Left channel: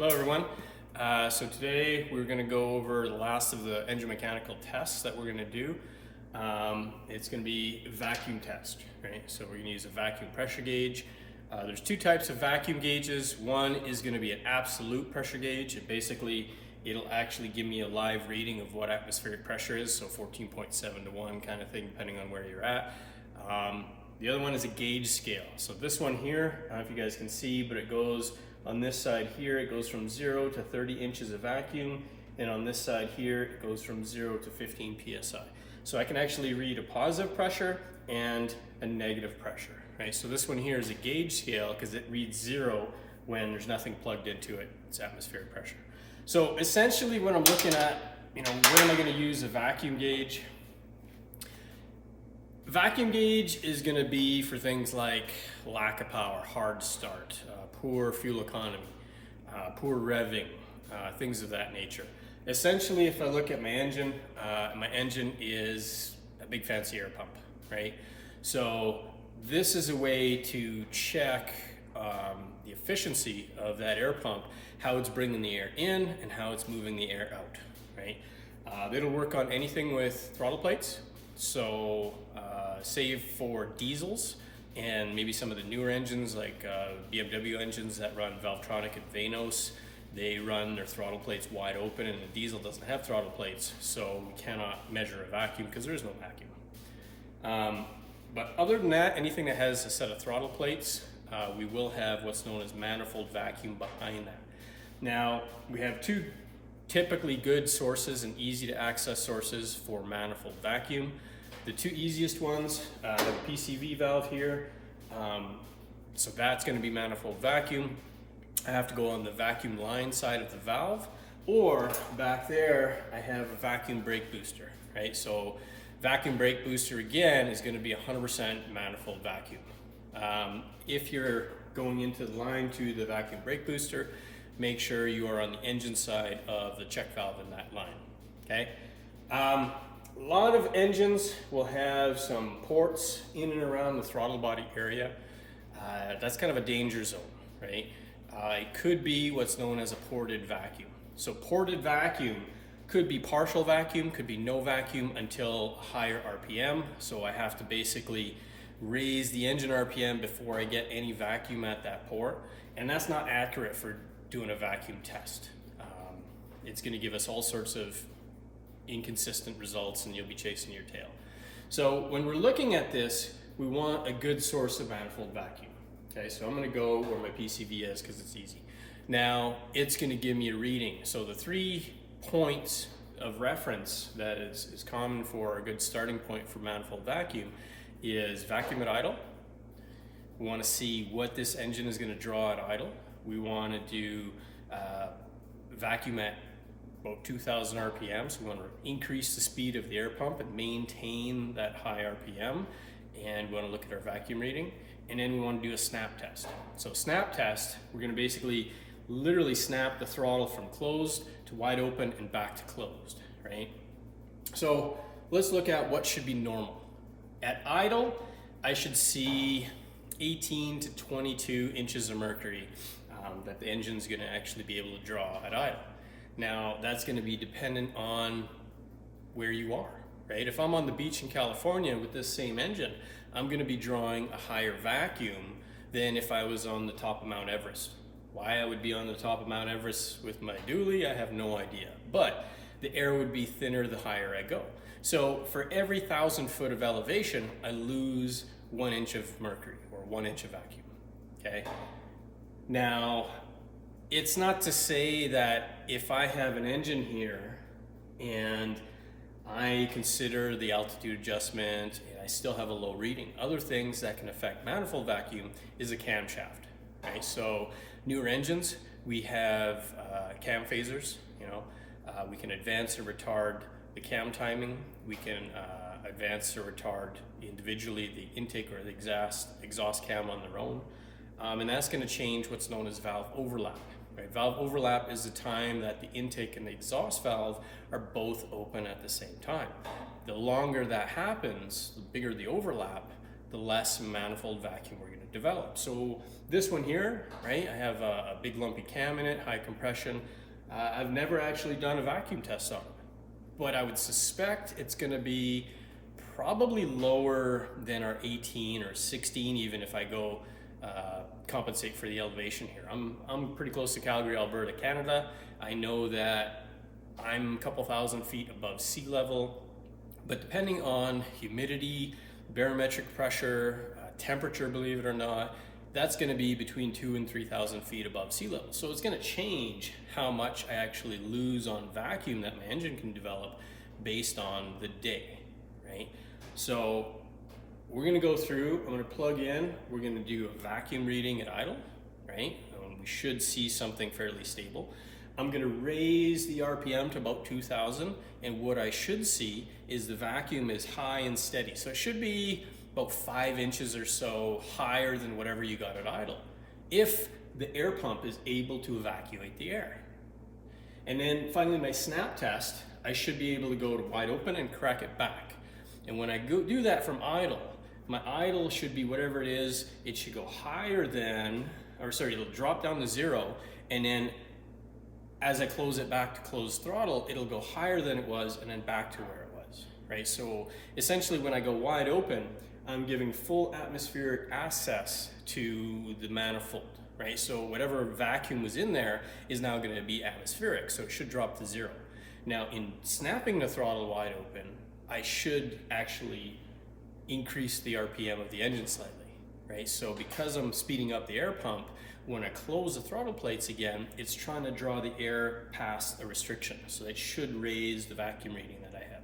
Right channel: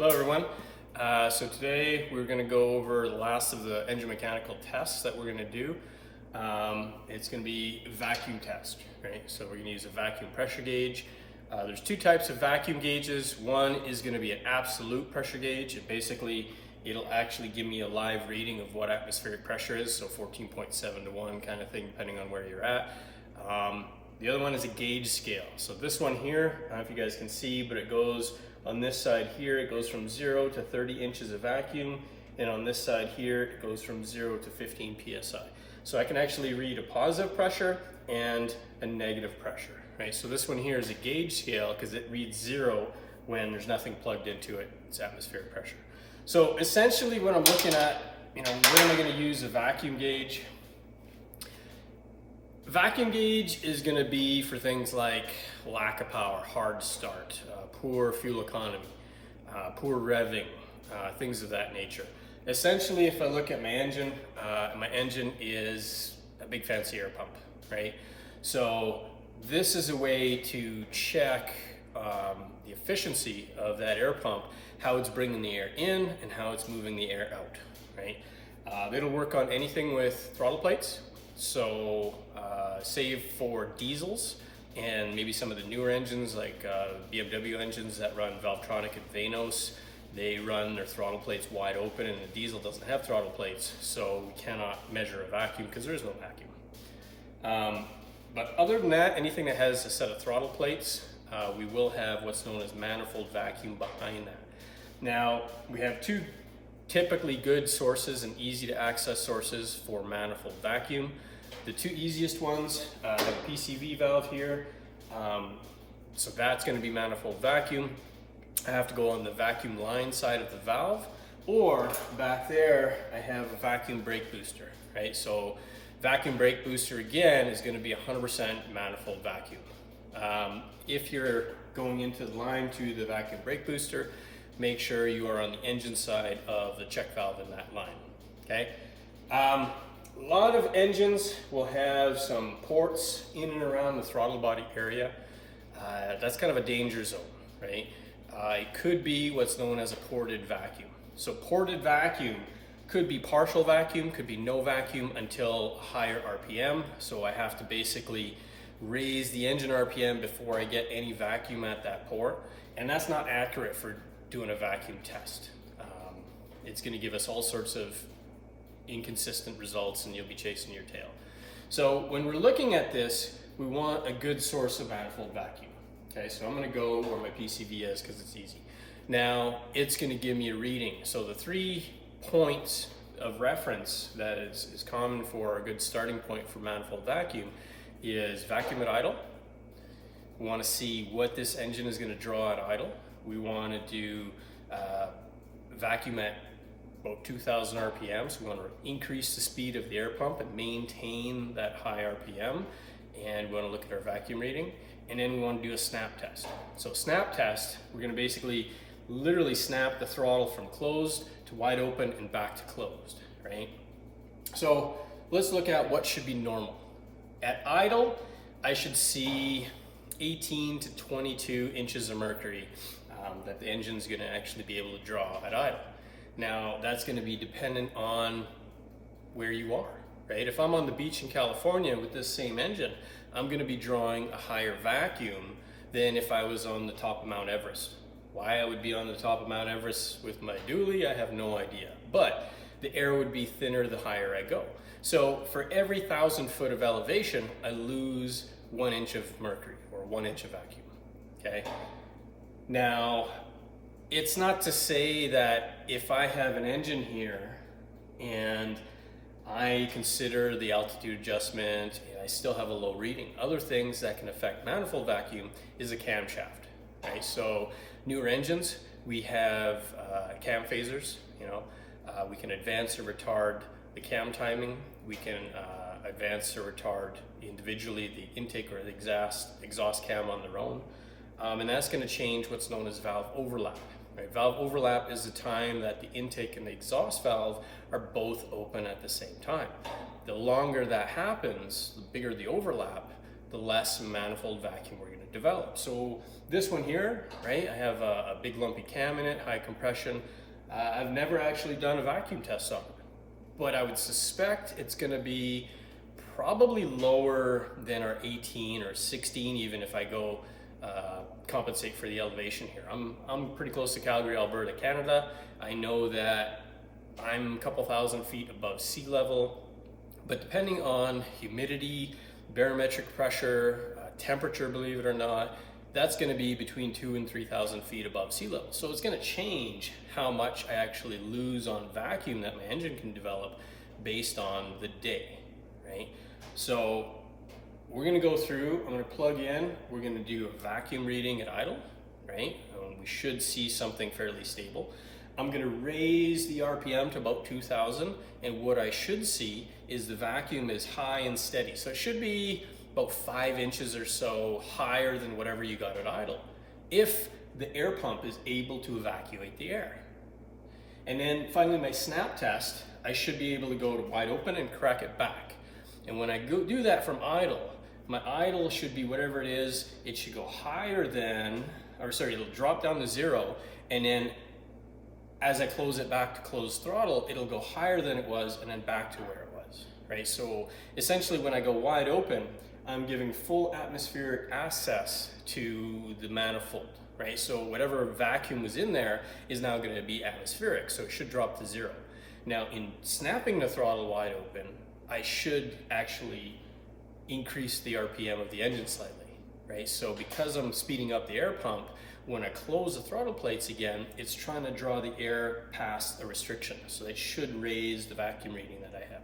Hello everyone. So today we're going to go over the last of the engine mechanical tests that we're going to do. It's going to be a vacuum test, right? So we're going to use a vacuum pressure gauge. There's two types of vacuum gauges. One is going to be an absolute pressure gauge. It'll actually give me a live reading of what atmospheric pressure is, so 14.7 to 1 kind of thing, depending on where you're at. The other one is a gauge scale. So this one here, I don't know if you guys can see, but it goes on this side here, it goes from 0 to 30 inches of vacuum, and on this side here, it goes from 0 to 15 psi. So I can actually read a positive pressure and a negative pressure, right? So this one here is a gauge scale because it reads 0 when there's nothing plugged into it. It's atmospheric pressure. So essentially what I'm looking at, when am I going to use a vacuum gauge? Vacuum gauge is going to be for things like lack of power, hard start, poor fuel economy, poor revving, things of that nature. Essentially, if I look at my engine is a big fancy air pump, right? So this is a way to check the efficiency of that air pump, how it's bringing the air in and how it's moving the air out, right? It'll work on anything with throttle plates. So save for diesels and maybe some of the newer engines like BMW engines that run Valvetronic and Vanos, they run their throttle plates wide open, and the diesel doesn't have throttle plates, so we cannot measure a vacuum because there is no vacuum. But other than that, anything that has a set of throttle plates, we will have what's known as manifold vacuum behind that. Now, we have two typically good sources and easy to access sources for manifold vacuum. The two easiest ones, have a PCV valve here, so that's going to be manifold vacuum. I have to go on the vacuum line side of the valve, or back there I have a vacuum brake booster, right? So vacuum brake booster again is going to be 100% manifold vacuum. If you're going into the line to the vacuum brake booster, make sure you are on the engine side of the check valve in that line, okay? A lot of engines will have some ports in and around the throttle body area. That's kind of a danger zone, right? It could be what's known as a ported vacuum. So ported vacuum could be partial vacuum, could be no vacuum until higher RPM. So I have to basically raise the engine RPM before I get any vacuum at that port. And that's not accurate for doing a vacuum test. It's going to give us all sorts of inconsistent results and you'll be chasing your tail. So when we're looking at this, we want a good source of manifold vacuum. Okay, so I'm going to go where my PCV is because it's easy. Now it's going to give me a reading. So the 3 points of reference that is common for a good starting point for manifold vacuum is vacuum at idle. We want to see what this engine is going to draw at idle. We want to do vacuum at about 2,000 RPM, so we want to increase the speed of the air pump and maintain that high RPM, and we want to look at our vacuum reading, and then we want to do a snap test. So snap test, we're going to basically literally snap the throttle from closed to wide open and back to closed, right? So let's look at what should be normal. At idle, I should see 18 to 22 inches of mercury that the engine's going to actually be able to draw at idle. Now, that's going to be dependent on where you are, right? If I'm on the beach in California with this same engine, I'm going to be drawing a higher vacuum than if I was on the top of Mount Everest. Why I would be on the top of Mount Everest with my dually, I have no idea. But the air would be thinner the higher I go. So for every 1,000 foot of elevation, I lose 1 inch of mercury or 1 inch of vacuum, okay? Now, it's not to say that if I have an engine here and I consider the altitude adjustment and I still have a low reading, other things that can affect manifold vacuum is a camshaft, right? So newer engines, we have cam phasers, we can advance or retard the cam timing, we can advance or retard individually the intake or the exhaust cam on their own, and that's going to change what's known as valve overlap. Right? Valve overlap is the time that the intake and the exhaust valve are both open at the same time. The longer that happens, the bigger the overlap, the less manifold vacuum we're going to develop. So this one here, right, I have a big lumpy cam in it, high compression. I've never actually done a vacuum test on it, but I would suspect it's going to be probably lower than our 18 or 16, even if I go compensate for the elevation here. I'm pretty close to Calgary, Alberta, Canada. I know that I'm a couple thousand feet above sea level, but depending on humidity, barometric pressure, temperature, believe it or not, that's going to be between 2,000 and 3,000 feet above sea level. So it's going to change how much I actually lose on vacuum that my engine can develop based on the day, right? So we're going to go through, I'm going to plug in, we're going to do a vacuum reading at idle, right? We should see something fairly stable. I'm going to raise the RPM to about 2,000, and what I should see is the vacuum is high and steady. So it should be about 5 inches or so higher than whatever you got at idle, if the air pump is able to evacuate the air. And then finally my snap test, I should be able to go to wide open and crack it back. And when I go do that from idle, my idle should be whatever it is, it should go higher than, or sorry, it'll drop down to 0, and then as I close it back to closed throttle, it'll go higher than it was and then back to where it was, right? So essentially when I go wide open, I'm giving full atmospheric access to the manifold, right? So whatever vacuum was in there is now going to be atmospheric, so it should drop to 0. Now in snapping the throttle wide open, I should actually increase the RPM of the engine slightly, right? So because I'm speeding up the air pump, when I close the throttle plates again, it's trying to draw the air past a restriction. So it should raise the vacuum reading that I have.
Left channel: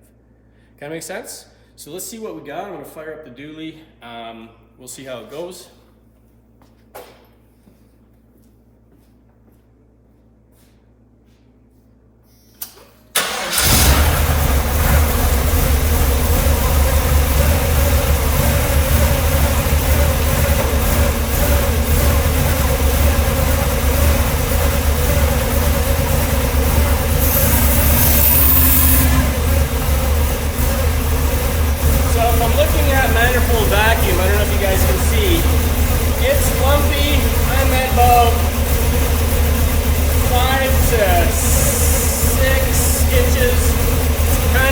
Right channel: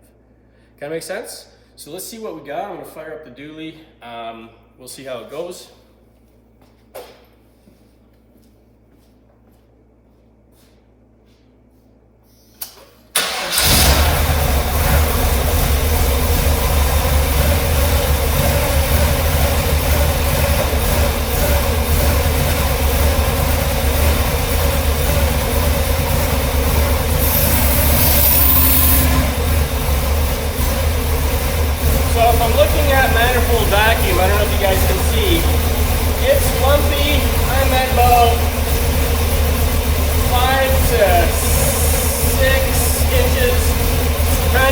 Kind of make sense? So let's see what we got. I'm gonna fire up the dually. We'll see how it goes.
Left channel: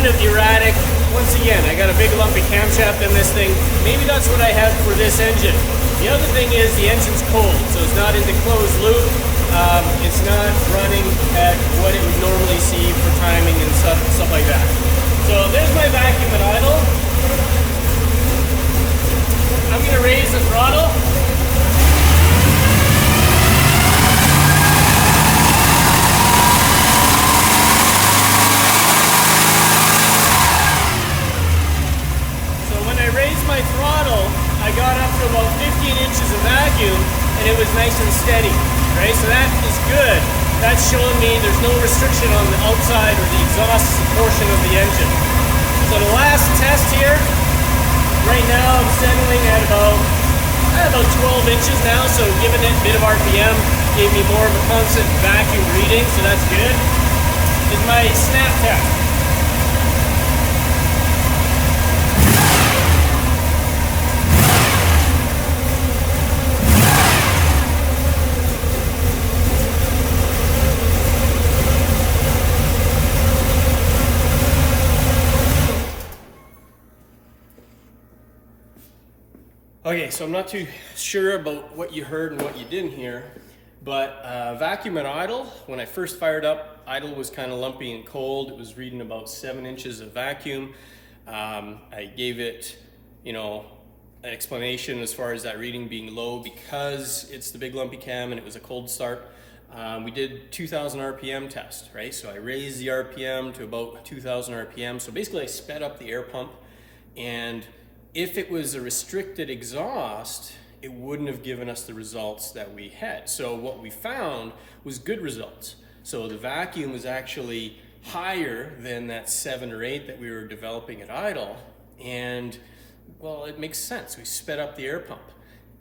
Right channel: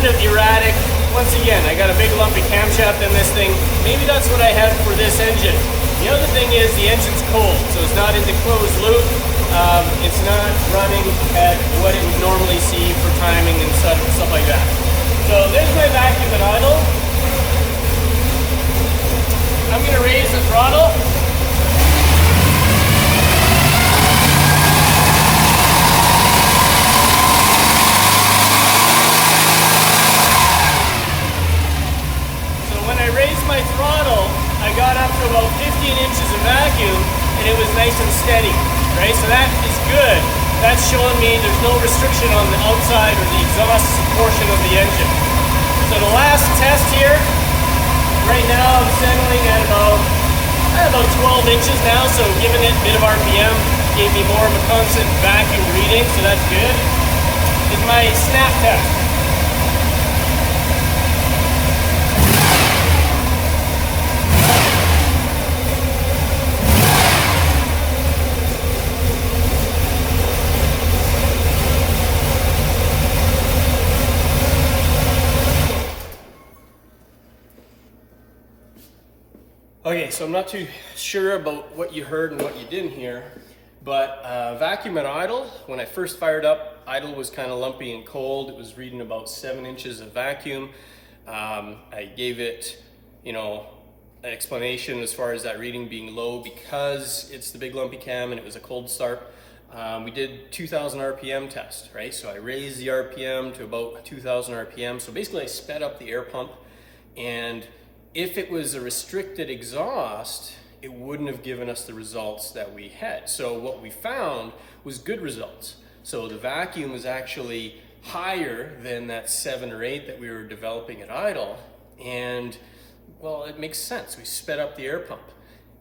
Erratic. Once again, I got a big lumpy camshaft in this thing. Maybe that's what I have for this engine. The other thing is the engine's cold, so it's not into closed loop. It's not running at what it would normally see for timing and stuff like that. So there's my vacuum at idle. I'm going to raise the throttle. My throttle, I got up to about 15 inches of vacuum and it was nice and steady, right? So that is good. That's showing me there's no restriction on the outside or the exhaust portion of the engine. So the last test here, right now I'm settling at about 12 inches now, so giving it a bit of RPM gave me more of a constant vacuum reading, so that's good. Is my snap test. Okay, so I'm not too sure about what you heard and what you didn't hear, but vacuum at idle, when I first fired up, idle was kind of lumpy and cold. It was reading about 7 inches of vacuum. I gave it, an explanation as far as that reading being low because it's the big lumpy cam and it was a cold start. We did 2,000 RPM test, right? So I raised the RPM to about 2,000 RPM. So basically I sped up the air pump, and if it was a restricted exhaust, it wouldn't have given us the results that we had. So what we found was good results. So the vacuum was actually higher than that 7 or 8 that we were developing at idle. And well, it makes sense. We sped up the air pump.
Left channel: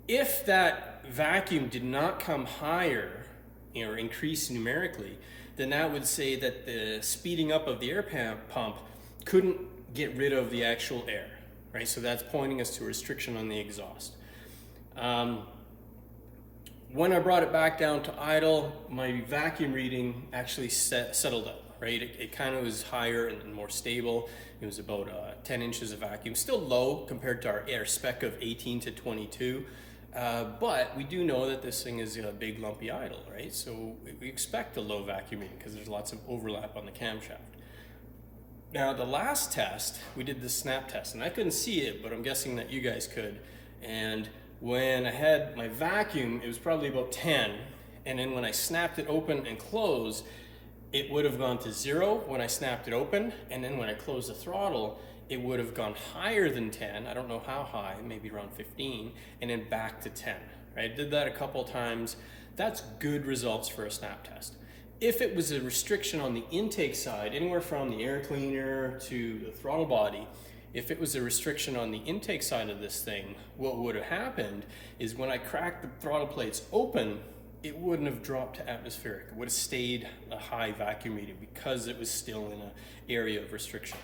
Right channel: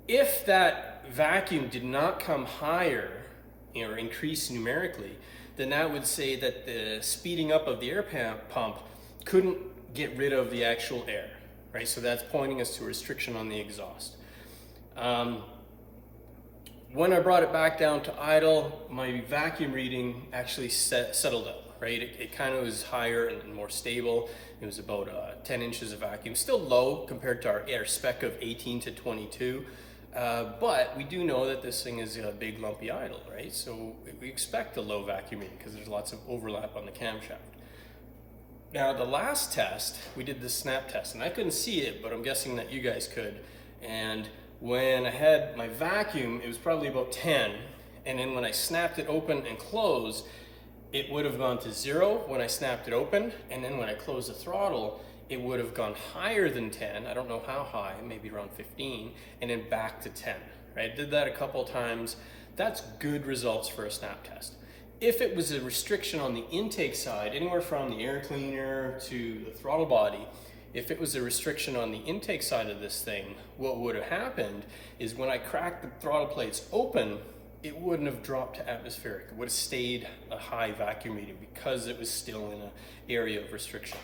If that vacuum did not come higher, or increase numerically, then that would say that the speeding up of the air pump couldn't get rid of the actual air. right? So that's pointing us to a restriction on the exhaust. When I brought it back down to idle, my vacuum reading actually settled out, right? It kind of was higher and more stable. It was about 10 inches of vacuum, still low compared to our spec of 18 to 22. But we do know that this thing is a big lumpy idle, right? So we expect a low vacuum reading because there's lots of overlap on the camshaft. Now the last test, we did the snap test, and I couldn't see it, but I'm guessing that you guys could. And when I had my vacuum, it was probably about 10. And then when I snapped it open and closed, it would have gone to 0 when I snapped it open. And then when I closed the throttle, it would have gone higher than 10. I don't know how high, maybe around 15, and then back to 10, right? I did that a couple times. That's good results for a snap test. If it was a restriction on the intake side, anywhere from the air cleaner to the throttle body, if it was a restriction on the intake side of this thing, what would have happened is when I cracked the throttle plates open, it wouldn't have dropped to atmospheric. It would have stayed a high vacuum reading because it was still in an area of restriction,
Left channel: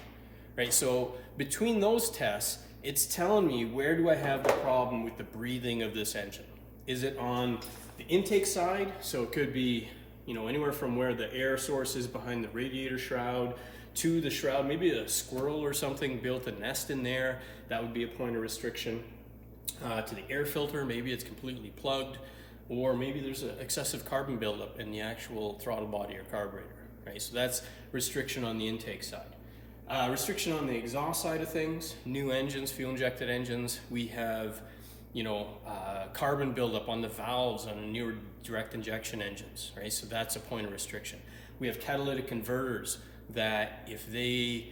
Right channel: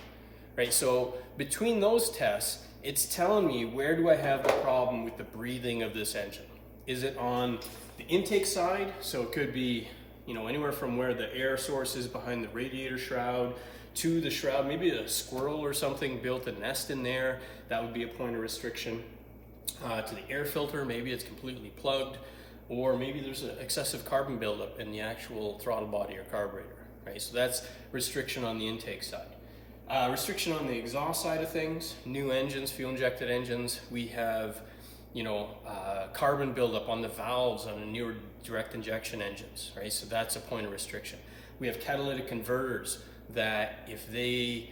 right? So between those tests, it's telling me where do I have the problem with the breathing of this engine? Is it on the intake side? So it could be, anywhere from where the air source is behind the radiator shroud to the shroud, maybe a squirrel or something built a nest in there. That would be a point of restriction. To the air filter, maybe it's completely plugged, or maybe there's an excessive carbon buildup in the actual throttle body or carburetor, right? So that's restriction on the intake side. Restriction on the exhaust side of things, new engines, fuel injected engines, we have carbon buildup on the valves on the newer direct injection engines, right? So that's a point of restriction. We have catalytic converters that if they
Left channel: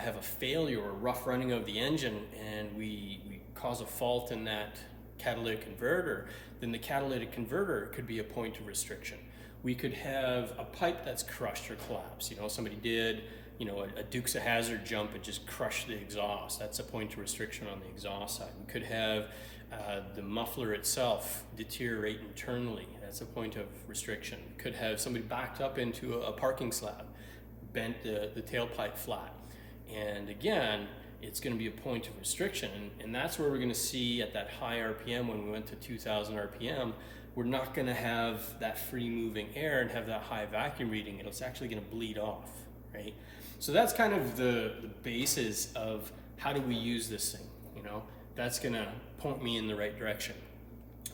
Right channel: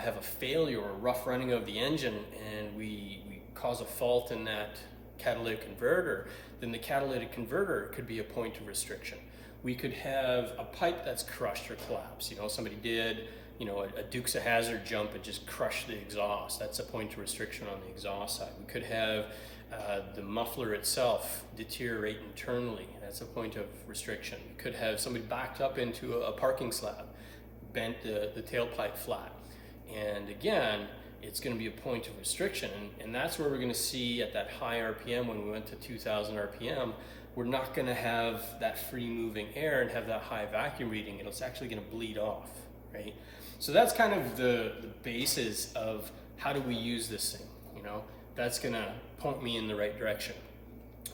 have a failure or rough running of the engine and we cause a fault in that catalytic converter, then the catalytic converter could be a point of restriction. We could have a pipe that's crushed or collapsed. Somebody did a Dukes of Hazzard jump and just crushed the exhaust. That's a point of restriction on the exhaust side. We could have the muffler itself deteriorate internally. That's a point of restriction. We could have somebody backed up into a parking slab, bent the tailpipe flat. And again, it's going to be a point of restriction. And that's where we're going to see at that high RPM, when we went to 2000 RPM, we're not going to have that free moving air and have that high vacuum reading. It's actually going to bleed off, right? So that's kind of the basis of how do we use this thing, That's going to point me in the right direction.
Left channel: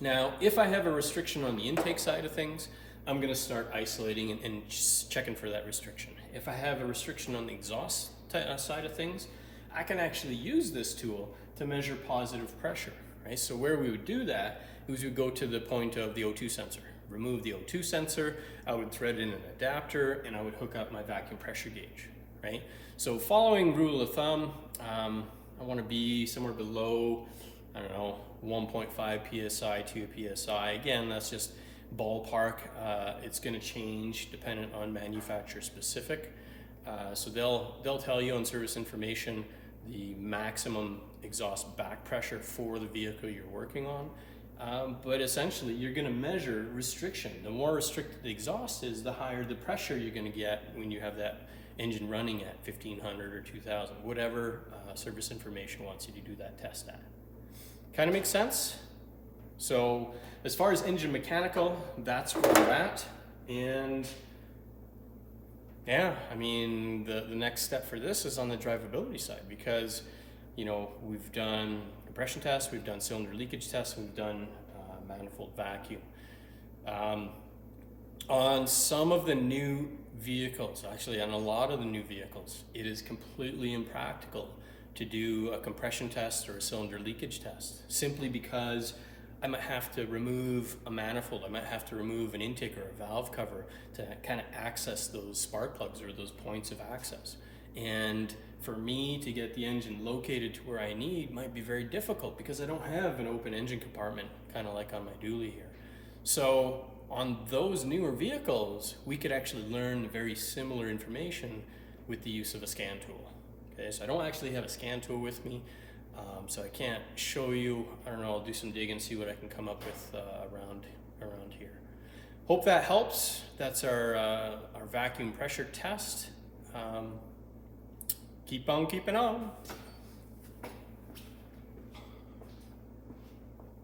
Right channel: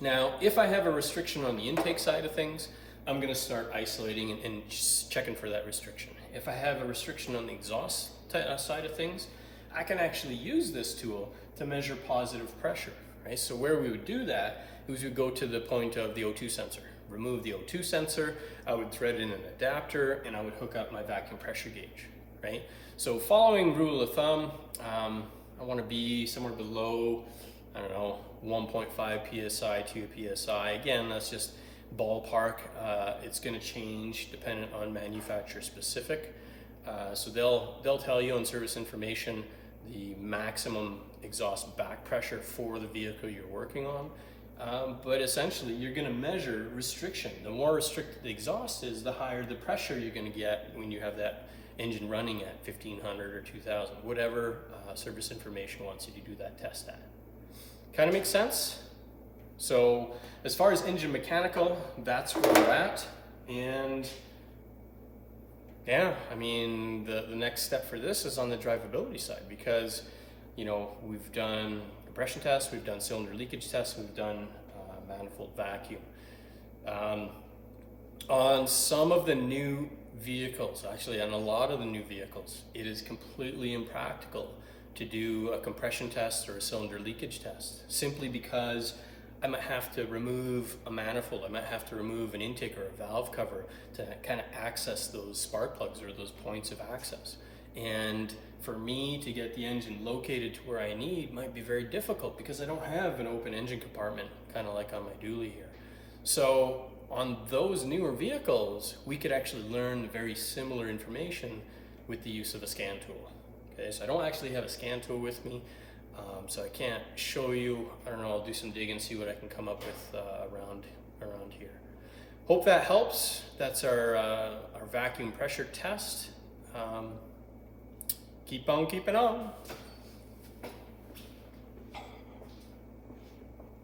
Now, if I have a restriction on the intake side of things, I'm going to start isolating and checking for that restriction. If I have a restriction on the exhaust side of things, I can actually use this tool to measure positive pressure, right? So where we would do that is we would go to the point of the O2 sensor, remove the O2 sensor, I would thread in an adapter, and I would hook up my vacuum pressure gauge, right? So following rule of thumb, I want to be somewhere below, 1.5 PSI, 2 PSI. Again, that's just ballpark. It's going to change dependent on manufacturer specific. So they'll tell you on service information the maximum exhaust back pressure for the vehicle you're working on. But essentially, you're going to measure restriction. The more restricted the exhaust is, the higher the pressure you're going to get when you have that engine running at 1500 or 2000, whatever service information wants you to do that test at. Kind of makes sense? So as far as engine mechanical, that's where we're at. And yeah, the next step for this is on the drivability side, because we've done compression tests, we've done cylinder leakage tests, we've done manifold vacuum. On some of the new vehicles, actually on a lot of the new vehicles, it is completely impractical to do a compression test or a cylinder leakage test, simply because I might have to remove a manifold, I might have to remove an intake or a valve cover to kind of access those spark plugs or those points of access. And for me to get the engine located to where I need might be very difficult because I don't have an open engine compartment, kind of like on my dually here. So on those newer vehicles, we could actually learn very similar information with the use of a scan tool. Okay, so I don't actually have a scan tool with me, so I can't show you. I don't know, I'll do some digging, see what I can come up with around here. Hope that helps. That's our vacuum pressure test. Keep on keeping on.